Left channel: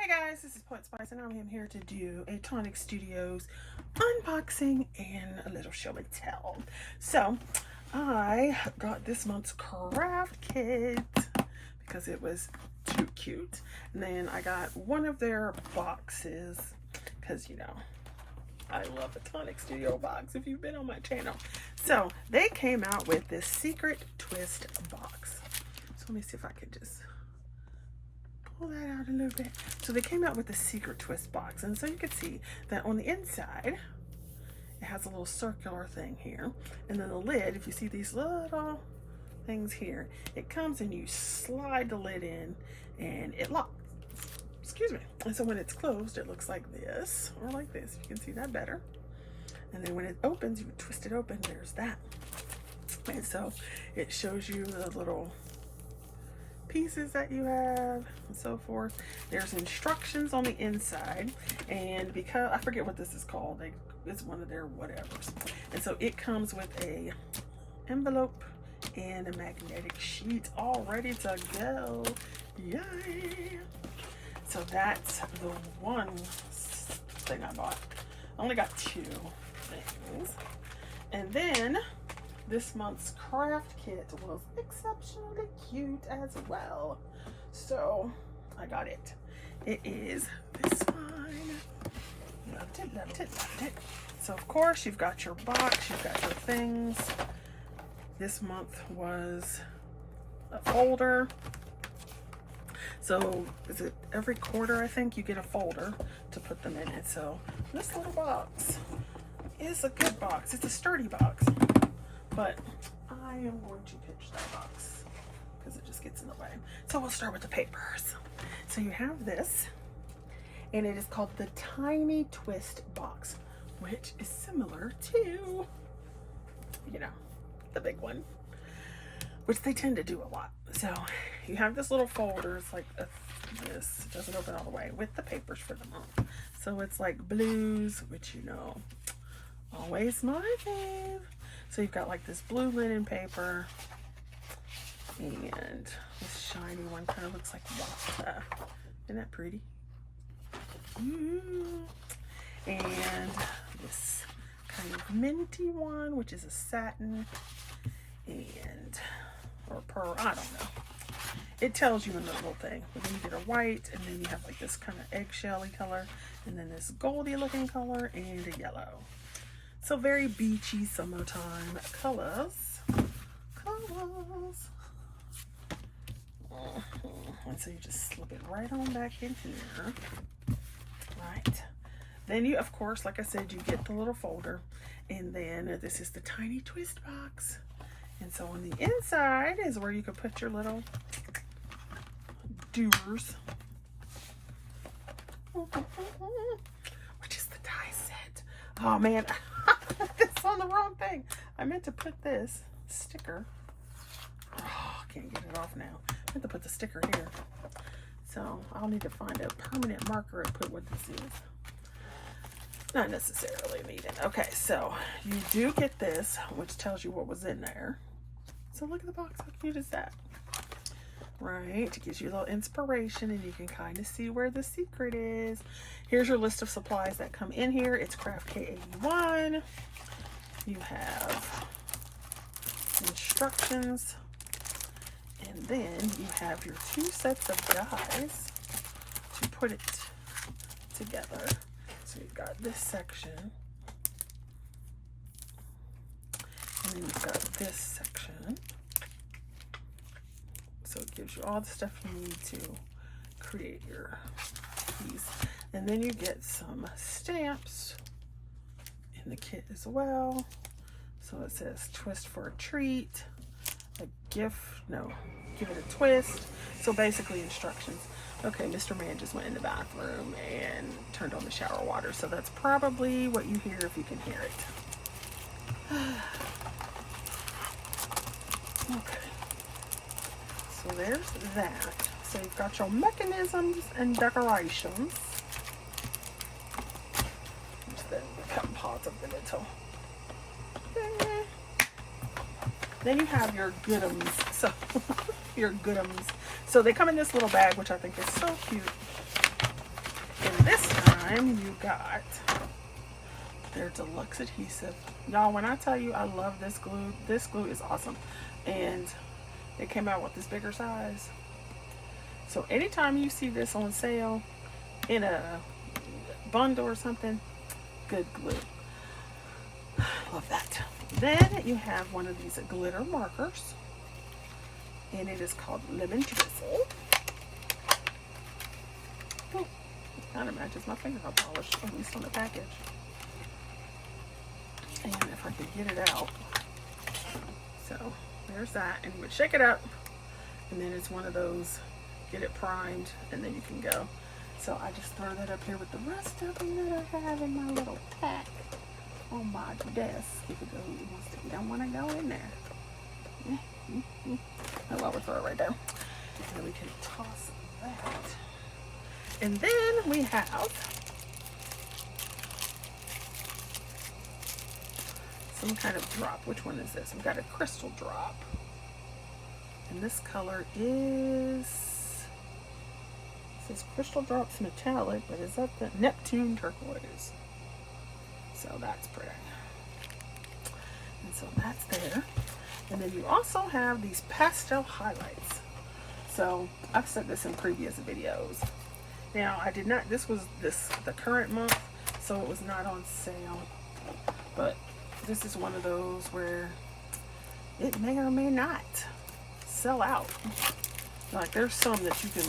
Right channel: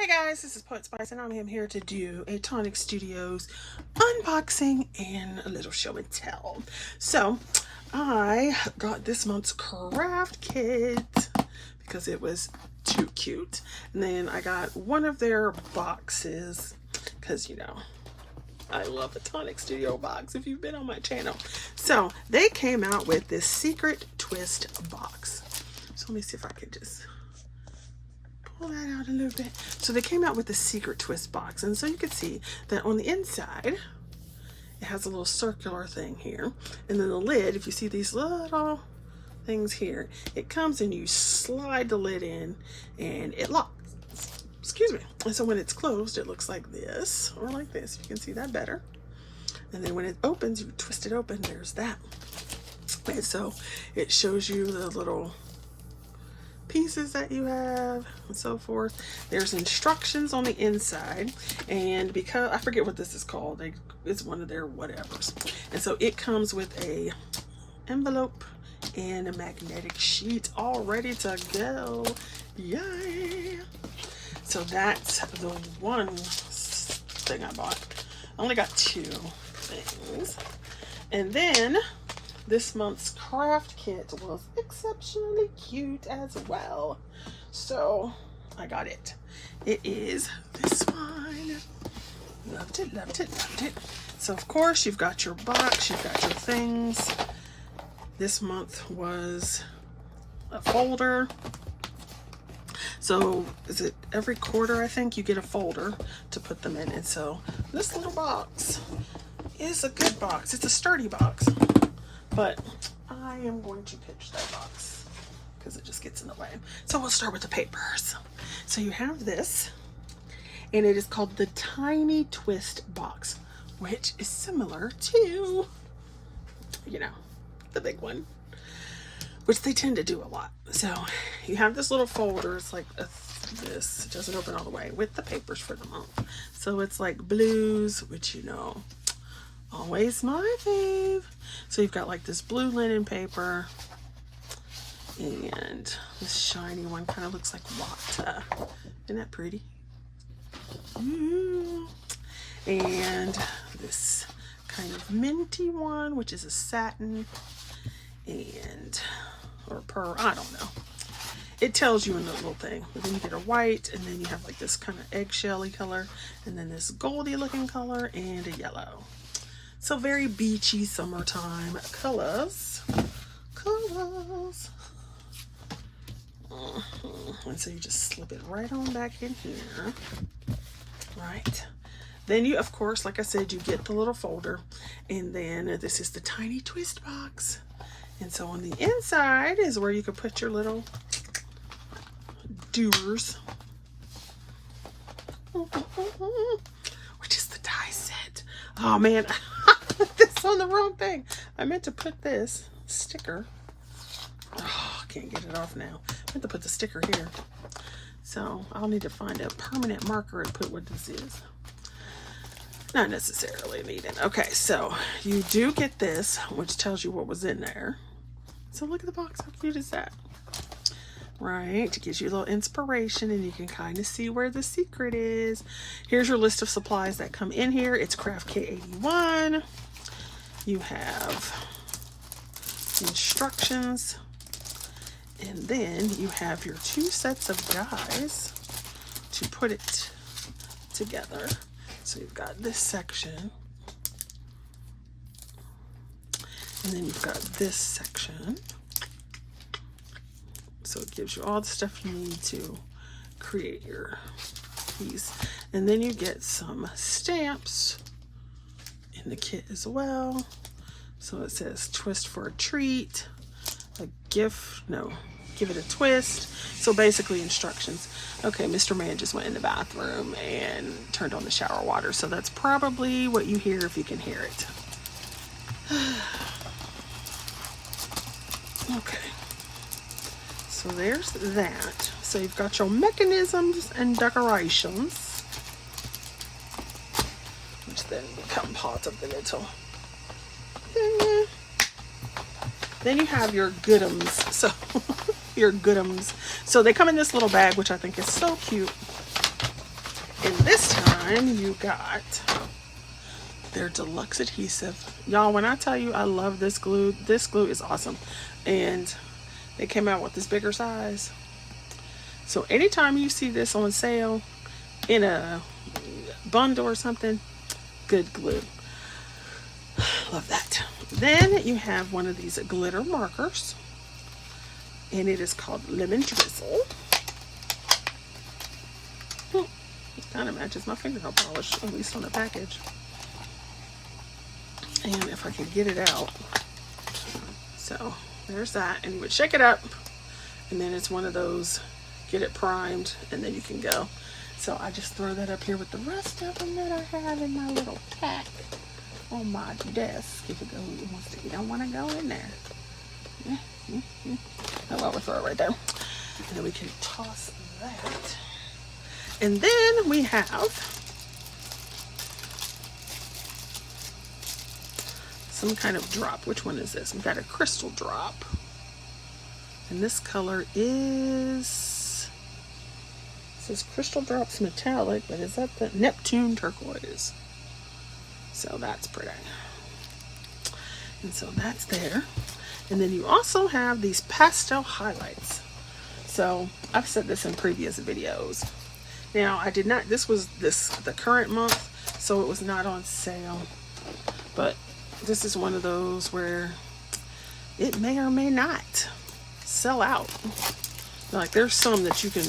Hey guys, this is Poet Spice and I'm here to do a Tonic Studios unboxing and a little show and tell. So I got this month's craft kit because it was too cute. And then I got one of their boxes because, you know, I love the Tonic Studio box if you've been on my channel. So they came out with this secret twist box. So let me see if I can just pull that out a little bit. So they came out with the secret twist box, and so you can see that on the inside it has a little circular thing here, and then the lid, if you see these little things here, it comes and you slide the lid in and it locks. Excuse me. And so when it's closed, it looks like this or like this. You can see that better. And then when it opens, you twist it open, there's that. And so it shows you the little pieces that you have and so forth. There's instructions on the inside, and because I forget what this is called, it's one of their whatevers. And so it comes with a envelope and a magnetic sheet all ready to go. Yay! So that's the one thing I bought. I only got two things. And then this month's craft kit was exceptionally cute as well. So I got it. It is this one. Loved it, loved it, loved it. So of course you've got your box, you've got your things. This month was a folder. So is it every quarter, I think, you get a folder to put them in. And so this little box is a good box. It's a sturdy box, but I am going to pitch that box because it just gets in the way. So we'll start with the papers. So you have this, and it is called the Tiny Twist box, which is similar to, you know, the big one, which they tend to do a lot. So you have this little folder. It's like this. It doesn't open all the way, with the papers for the month. So it's like blues, which, you know, always my fave. So you've got like this blue linen paper, and this shiny one kind of looks like water. Isn't that pretty? And this kind of minty one, which is a satin, and or pearl, I don't know. It tells you in the little thing. But then you get a white, and then you have like this kind of eggshelly color, and then this goldy looking color, and a yellow. So very beachy summertime colors. And so you just slip it right on back in here. Right. Then you, of course, like I said, you get the little folder, and then this is the Tiny Twist box. And so on the inside is where you can put your little doers, which is the die set. Oh man, I put this on the wrong thing. I meant to put this sticker. Oh, I can't get it off now. I meant to put the sticker here. So I'll need to find a permanent marker and put what this is. Not necessarily needed. Okay, so you do get this, which tells you what was in there. So look at the box. How cute is that? Right, it gives you a little inspiration, and you can kind of see where the secret is. Here's your list of supplies that come in here. It's Craft K81. You have instructions, and then you have your two sets of dies to put it together. So you've got this section, and then you've got this section. So it gives you all the stuff you need to create your piece. And then you get some stamps in the kit as well. So it says twist for a treat, a gift, no, give it a twist. So basically instructions. Okay, Mr. Man just went in the bathroom and turned on the shower water. So that's probably what you hear if you can hear it. Okay. So there's that. So you've got your mechanisms and decorations, which then become part of the little thing. Then you have your goodums. So your goodums. So they come in this little bag, which I think is so cute. And this time you got their deluxe adhesive. Y'all, when I tell you I love this glue is awesome. And they came out with this bigger size. So anytime you see this on sale in a bundle or something, good glue. Love that. Then you have one of these glitter markers, and it is called Lemon Drizzle. Kind of matches my fingernail polish, at least on the package. And if I can get it out. So there's that. And you would shake it up, and then it's one of those, get it primed, and then you can go. So I just throw that up here with the rest of them that I have in my little pack on my desk. If you don't want to go in there. Oh, well, we'll throw it right there. And then we can toss that. And then we have some kind of drop. Which one is this? We've got a crystal drop. And this color is, it says Crystal Drops Metallic, but is that the Neptune Turquoise? So that's pretty. And so that's there. And then you also have these pastel highlights. So I've said this in previous videos. Now I did not, this was the current month, so it was not on sale. But this is one of those where it may or may not sell out. Like there's some that you can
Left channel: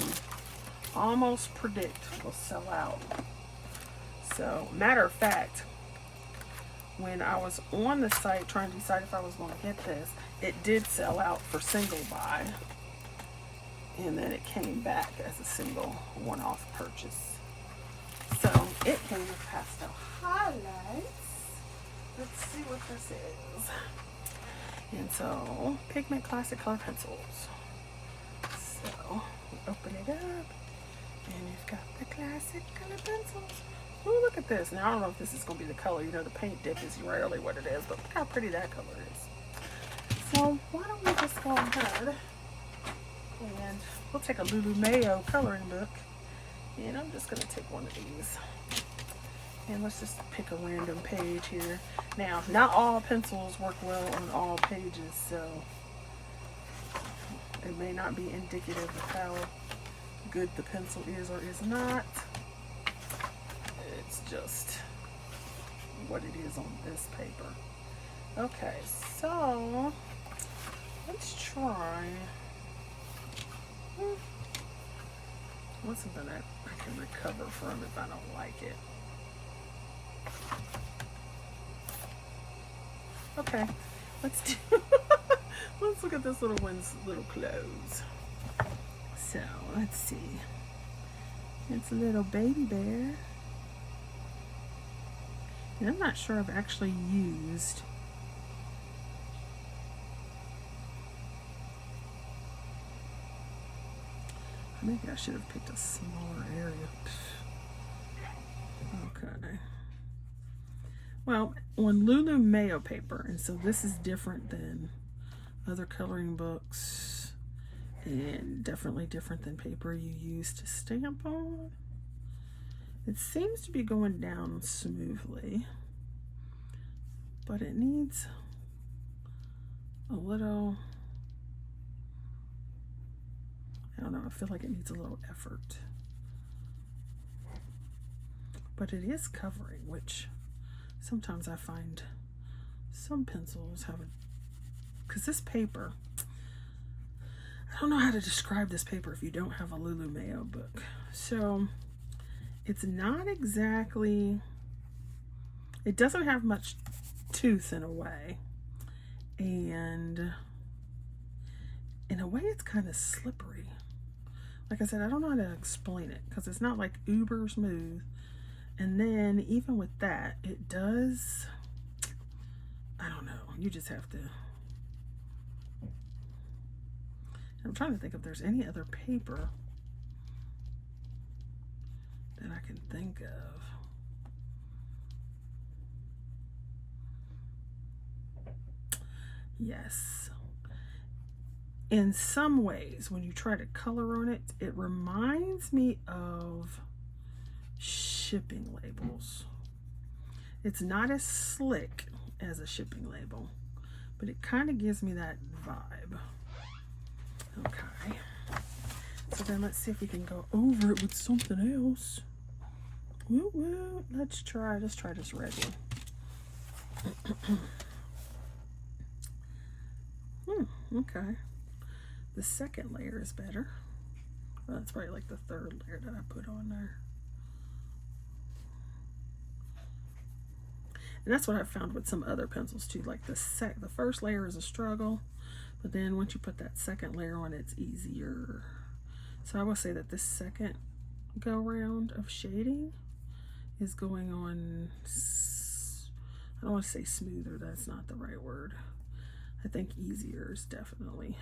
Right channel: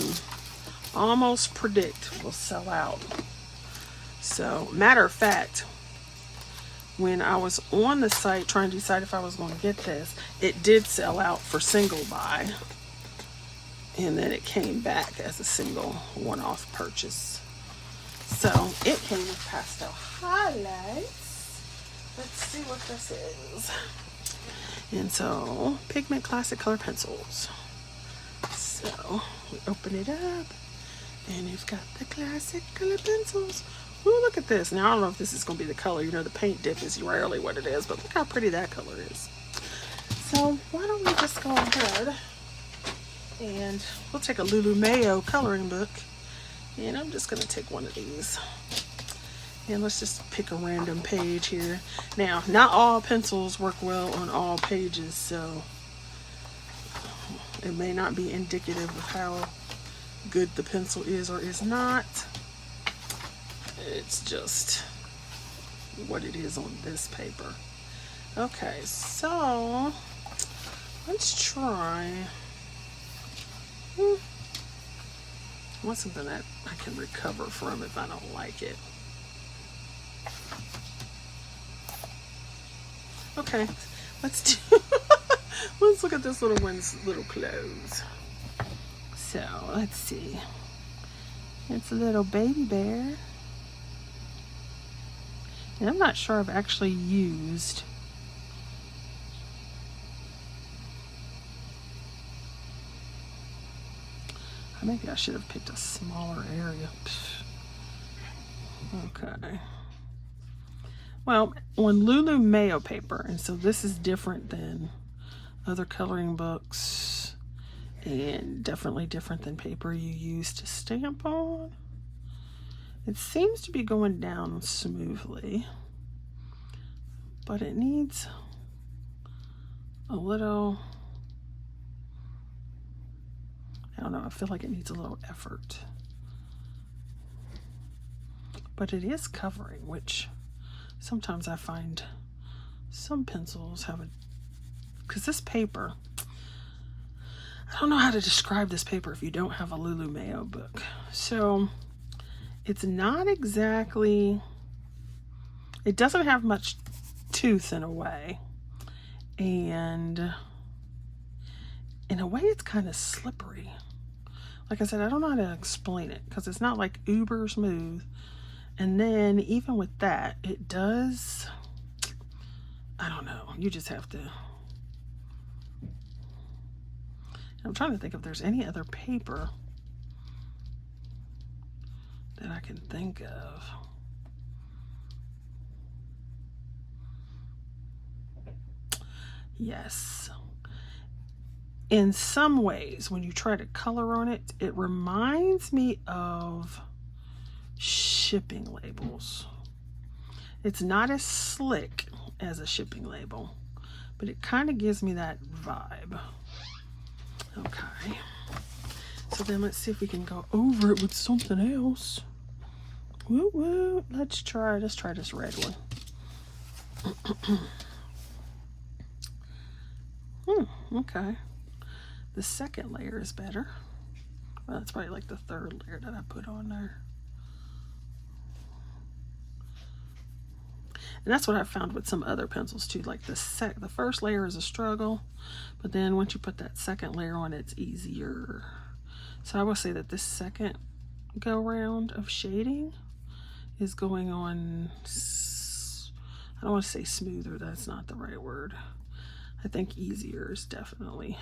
almost predict will sell out. So matter of fact, when I was on the site trying to decide if I was going to get this, it did sell out for single buy. And then it came back as a single one-off purchase. So it came with pastel highlights. Let's see what this is. And so Pigment Classic Color Pencils. So we open it up, and you've got the classic color pencils. Ooh, look at this. Now I don't know if this is going to be the color. You know, the paint dip is rarely what it is, but look how pretty that color is. So why don't we just go ahead and we'll take a Lulu Mayo coloring book, and I'm just going to take one of these. And let's just pick a random page here. Now, not all pencils work well on all pages, so it may not be indicative of how good the pencil is or is not. It's just what it is on this paper. Okay, so let's try. I want something that I can recover from if I don't like it. Okay, let's look at this little one's little clothes. So let's see. It's a little baby bear. And I'm not sure I've actually used maybe I should have picked a smaller area. Okay. Well, on Lulu Mayo paper, and so this is different than other coloring books, and definitely different than paper you use to stamp on. It seems to be going down smoothly, but it needs a little, I don't know, I feel like it needs a little effort. But it is covering, which sometimes I find some pencils have a, because this paper, I don't know how to describe this paper if you don't have a Lulu Mayo book. So it's not exactly, it doesn't have much tooth in a way. And in a way it's kind of slippery. Like I said, I don't know how to explain it because it's not like uber smooth. And then even with that, it does, I don't know, you just have to, I'm trying to think if there's any other paper that I can think of. Yes. In some ways, when you try to color on it, it reminds me of shipping labels. It's not as slick as a shipping label, but it kind of gives me that vibe. Okay. So then let's see if we can go over it with something else. Woo woo. Let's try this red one. Okay. The second layer is better. Well, that's probably like the third layer that I put on there. And that's what I found with some other pencils too. Like the first layer is a struggle, but then once you put that second layer on, it's easier. So I will say that this second go round of shading is going on, I don't want to say smoother, that's not the right word. I think easier is definitely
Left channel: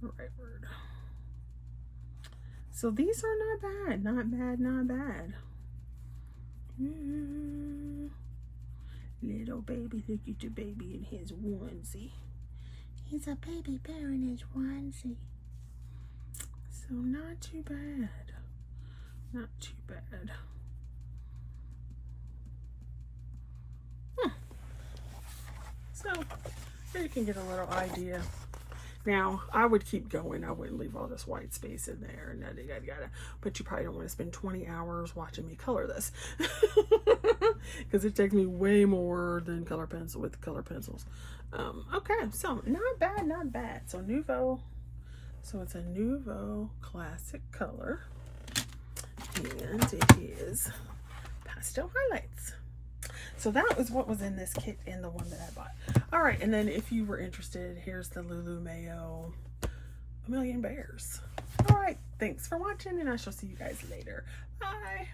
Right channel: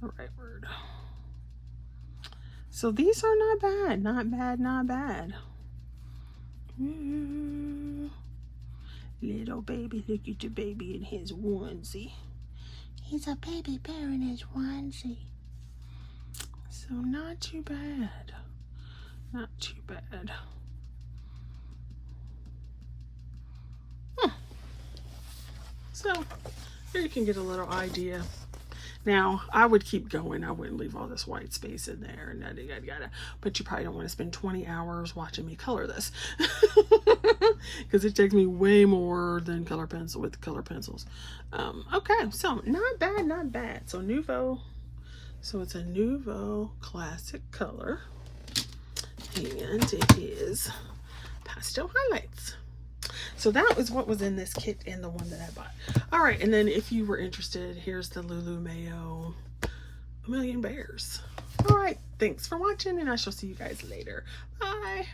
the right word. So these are not bad, not bad, not bad. Little baby, look at the baby in his onesie. He's a baby bear in his onesie. So not too bad. Not too bad. So here you can get a little idea. Now, I would keep going. I wouldn't leave all this white space in there and yada yada yada. But you probably don't want to spend 20 hours watching me color this. Because it takes me way more than color pencil with color pencils. Okay, so not bad, not bad. So Nouveau. So it's a Nouveau classic color. And it is pastel highlights. So that was what was in this kit and the one that I bought. All right, and then if you were interested, here's the Lulu Mayo A Million Bears. All right, thanks for watching, and I shall see you guys later. Bye.